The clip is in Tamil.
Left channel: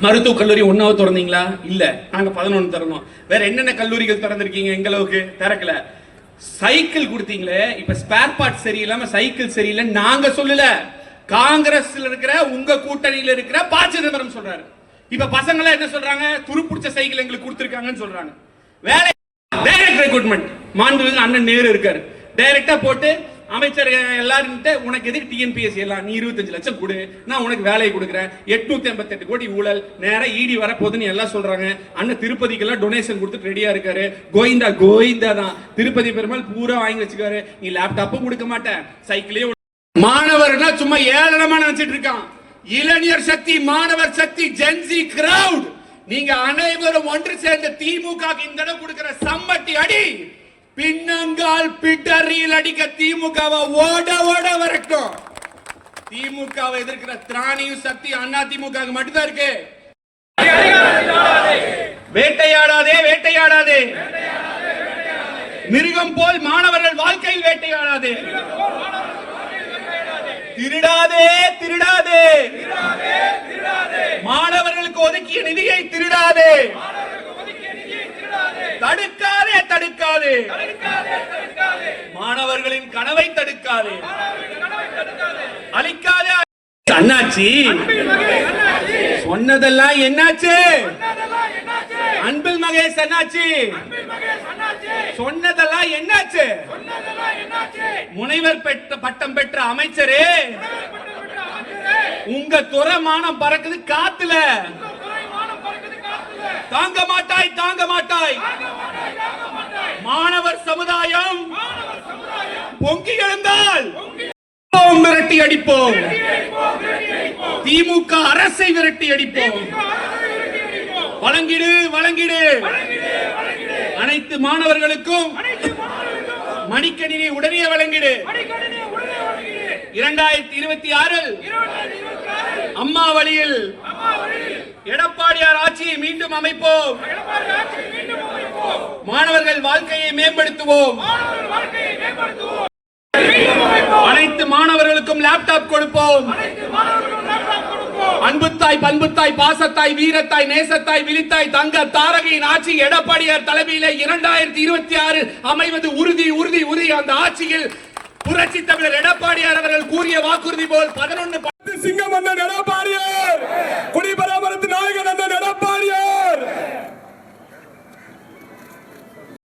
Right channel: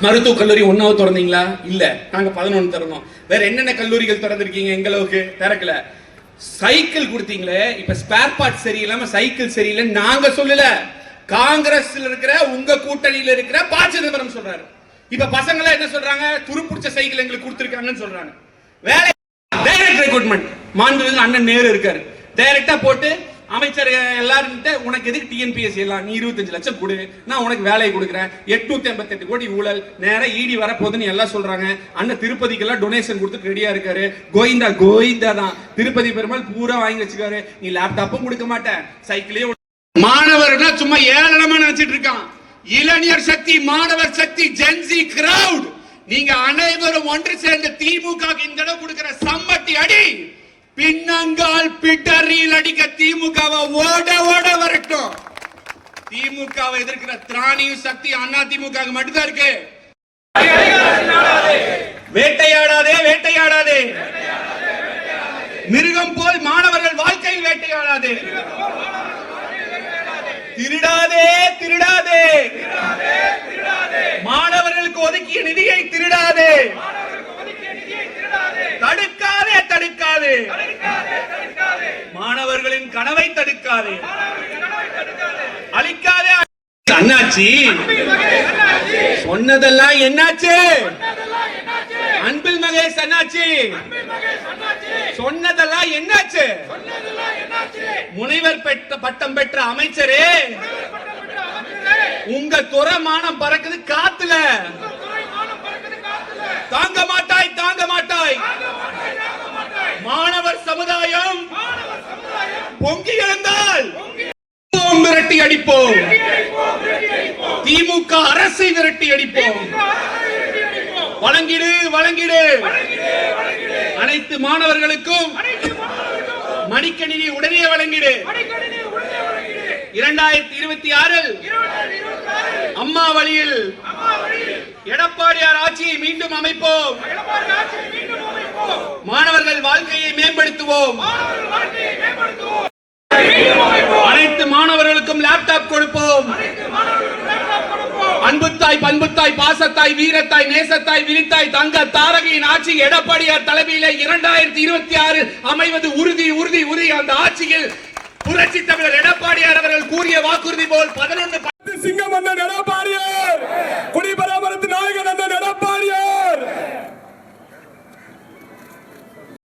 மருத்துவ கல்லூரி ஒன்னாவது திறந்தீங்களா? இல்ல. நாங்க பதினொன்னு திறந்தோம். வேற என்னென்ன கல்லூரிகள் திறந்திருக்கீங்க? எங்களுக்கு திறக்கல. சைக்கிள் கொடுத்தீங்களே. இப்ப ஸ்பேர் பார்ட் சரியில்லாம சைக்கிள் சரியில்லை நாங்க சொல்லல. காங்கிரஸ்ல இருக்கிற உங்க கூட்டணியில இருக்கிற பா. சிதம்பரம் சொல்றாரு. இப்ப பசங்க எல்லாம் என்ன சொல்றாங்க? துருப்பிடிச்ச சைக்கிள் எங்களுக்கு கொடுத்துருக்காங்கன்னு சொல்றாங்க. வேலை டைரக்ட் ரெக்ரூட்மெண்ட் மாண்புமிகு அண்ணன் நேரு இருக்காரு. டைரக்டா போட்டு அமைச்சர் எல்லாரும் உனக்கு எதுக்கு டிஎன்பிஎஸ்சி எல்லாம்? நீ இருபத்தஞ்சு லட்சம் கொடு. நான் உனக்கு வேலையை கொடுக்குறேன். எட்நூத்தி ஐம்பத்தி எட்டு கோடி ஊழல். நேரம் இடி வர போதுன்னு எல்லாம் சொல்றாங்க. அண்ணன் திருப்பதிக்கு எல்லாம் டொனேஷன் கொடுத்து ரெடியா இருக்காரு. கோவிந்தா கோவிந்தா தான். திருப்பதி பெருமாள் பூரா வாங்கி வச்சுக்காரு. நீ லேப்டாப்பும் கொடுக்க மாட்டேன் சைக்கிளையும் மாணவர்னா சும்மா ஏளனமா நினைச்சிட்டு இருக்கான். இளைஞர் சக்தி மாணவர் சக்தி ஜென்சி கிரவுட் நீங்க அனைவரும் ஒன்று சேர்ந்த திமுக இந்த தடவை கொடுக்கிற சம்மட்டி அடி. பின்னங்கால் பிட்டரியில் அடிக்க திமுகவை ஓட ஓட வரட்டும் திமுகவை எதிர்க்கிற திராணியும் சக்தி அண்ணா திமுக மட்டும்தான் இருக்கு. வேட்டையாடாதே வேட்டையாடாதே. மிருகம் போல் மாணவர்கள் வாழ்க்கையில் வேட்டையாடாதே. திருடாதே திருடாதே. மாணவர்களுக்கு ஒதுக்கிய நிதியை திருடாதே. தடுக்காதே தடுக்காதே அழிக்காதே. அண்ணாச்சி. சொன்னதெல்லாம் என்னாச்சு? அன்பில் மகேஷ் அண்ணாச்சி. சொன்னதெல்லாம் என்னாச்சு? முனைவர் பெற்ற பட்டம் பெற்ற அமைச்சரே உங்க துறமானம் பறக்குது காத்துல. தாங்க மாட்டாய் தாங்க மாட்டாய். மாணவர் சமுதாயம் பொங்கி எழுந்த விரட்டி அடிப்போம். திமுக அரசை விரட்டி அடிப்போம். வழங்கிடு வழங்கிடு. அனைத்து மாணவர்களுக்கும் மடிக்கணினி உடனே வழங்கிடு. இரண்டாயிரத்தி இருபத்தி ஆறில் அம்மா வழியில் எடப்பாடியார் ஆட்சியை மீண்டும் அமைப்போம். மாணவர்கள் வாழ்க்கையை மேம்படுத்துவோம் அனைத்து மாணவர்களுக்கும் லேப்டாப் கொடுப்போம் அன்புத்தாய் பண்புத்தாய் பாசத்தாய் வீரத்தாய் நேசத்தாய் விரித்தாய் தங்க தாரகையின் ஆட்சி எடப்பாடியார் தலைமையில இரண்டாயிரத்தி இருபத்தி ஆறு அமைவது உறுதி உறுதி உறுதி. அந்த ஆட்சியில் புரட்சி தமிழர் எடப்பாடியார் அவர்கள் கூறிய வாக்குறுதி போல் பதினொன்று சிங்கம் எடப்பாடி